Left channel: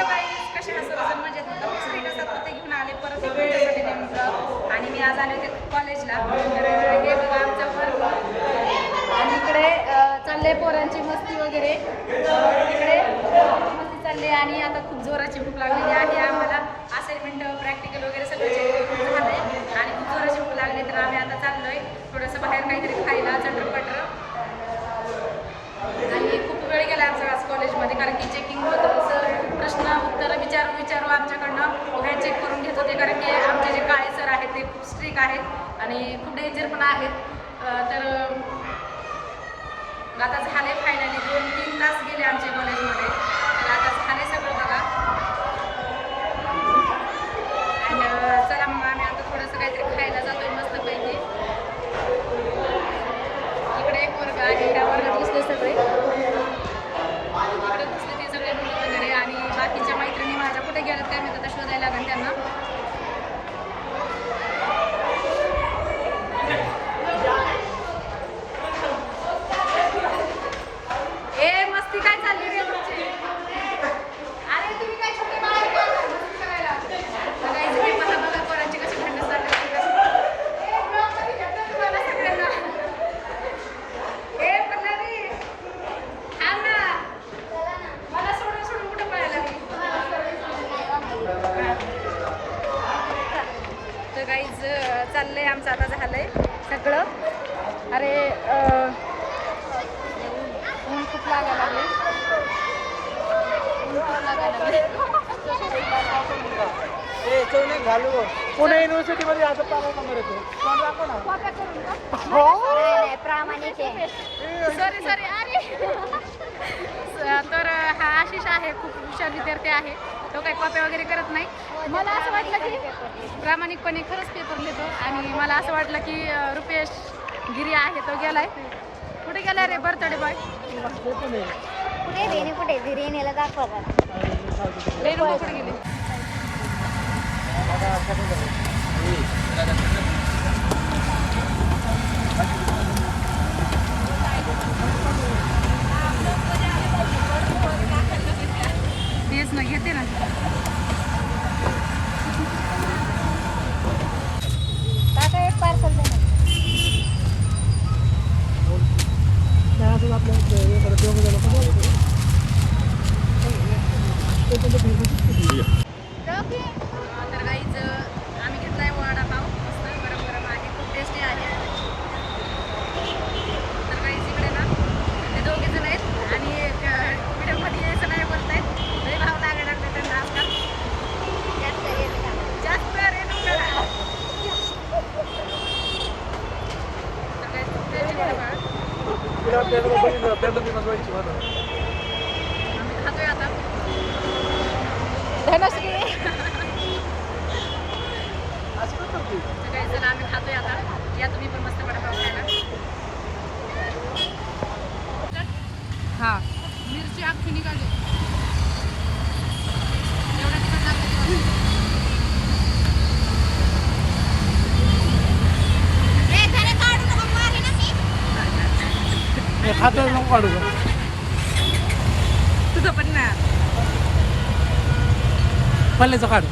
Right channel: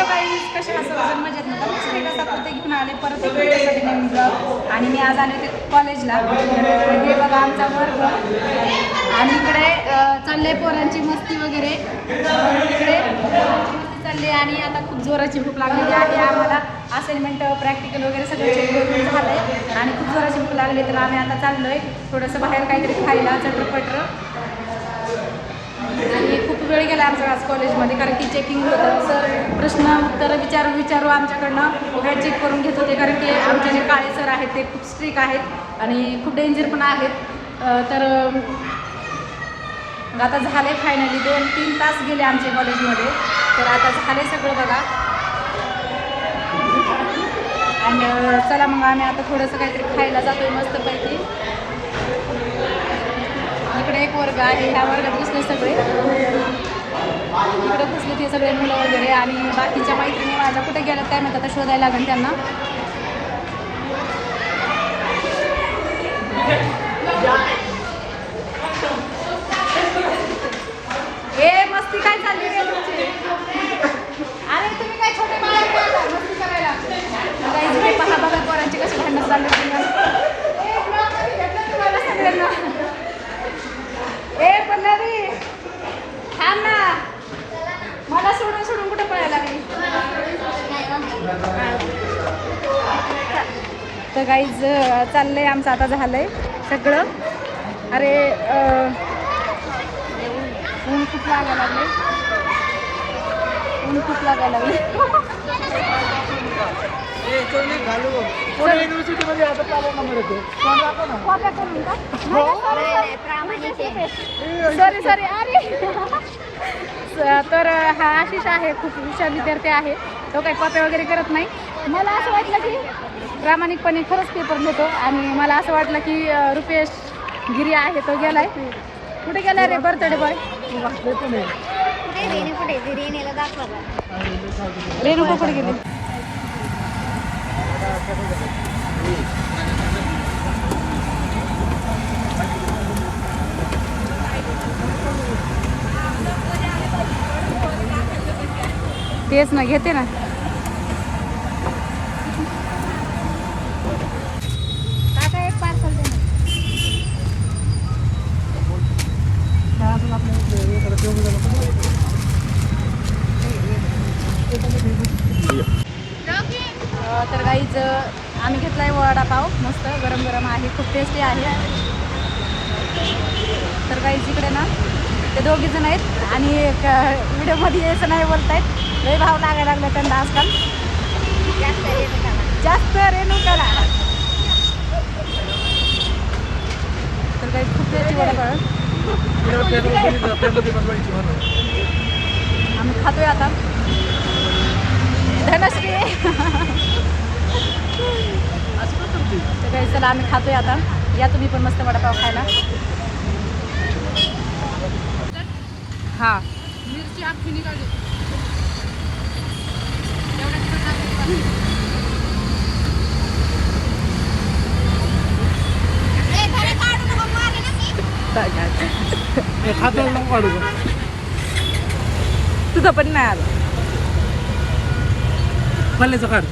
Hello काही कसे हा सर्वजण? मजेत नव्हता मी स्टेटस दाखवते घेऊन आले परत एक व्हिडिओसाठी नवीन ब्लॉग आणि मी आज आले होते कॉलेजला तर हे बघा आमचा वर्ग आणि इकडे चालले पोरांची मस्ती वगैरे. इकडे मस्ती चालली आणि आता खूप जोराची भूक लागलेली आहे आम्हाला असाइनमेंट प्रॅक्टिकल वगैरे सगळं चेक करून झालंय. आणि खूप जोराची भूक लागली तर आम्ही आता चाललोय. थोडंसं बाहेर काहीतरी खायला चटरपटर आणि खूप वेळ गेला आमचा आज कॉलेजमध्ये कारण की चेकिंग होतं. सर प्रश्न उत्तरं विचारू विचारू आमच्याकडनं. वह्या चेक करून घेत होते कारण की आमचे जे काळे सर आहेत ते खूप स्ट्रिक आहेत आणि खूप डेंजर पण आहेत. तर मग आता झाले फायनली दोन तीन तास गेले आमच्या कॉलेजमध्ये. तर आता झाले सगळं बघा. आणि चला मग आम्ही आता थोडंसं काहीतरी खायला जातोय मस्तपैकी. इकडे एक वर्ग आहे ह्या वर्गात बसले सगळे. इकडे बसले ते सगळे मुलं वगैरे आणि बाकीच्या मैत्रिणी माझ्या कुठे गेल्या काय माहिती आता शोधायला लागेल त्यांना ए मस्ती काय चालली रे तुमची अरे तुम्ही काय छोटे बाळ आहे का आता? मस्ती करायला आता इकडे पहा बघा पोरांची कशी भांडण चालली होती. ए, vlog मध्ये घेतलं तुम्हाला सगळ्यांना ए पल्लवी थांब ना मला सोडून सोडून कुठे पळायला लागली तर गाईज चाललंय आमचं आता झालंय सगळं. अरे ऊन खूप लागायला लागले ऊन खूप लागायला लागले युनिव्हर्सिटी मध्ये आता कॉप्या करून का सॉरी सॉरी अरे. स- तर हा आशिष आहे खूप हुशार विद्यार्थी आहे. तो काही कॉप्या वगैरे करत नाही. मला असं वाटलं की प्रामाणिकपणे खरंच पेपर लिहितो आणि मला असं वाटलं की रुपेश गिरी आहे तो गेलाय. कुठे गेलाय रे बर्थडे बॉय? रेणुका कुठे गेली? तेच ना घेते ना काका एक पार्सल दे ना. अं, तर गाईज आम्ही घेतलाय वडापाव मस्त गरम गरम आहे खूप टेस्टी आहे. तर गाईज इकडे ना ते दोघी जण आहेत आणि एक व्हिडिओमध्ये यायचं नाही बोलतायत. लय भाव लागायला लागला त्यांना आजकाल. जास्त रेणुकाला जास्त रेणुकाला तर काही खूप टेस्टी वडापाव. आम्ही खातोय आता. धनश्री. काही चला आम्ही खातोय आता. या तुम्ही पण मस्त वडापाव खायला. हा. मिरची अख्खी निघाली. लागलं का? तुझं पण नाही आलं. पल्ल्याचं काढ.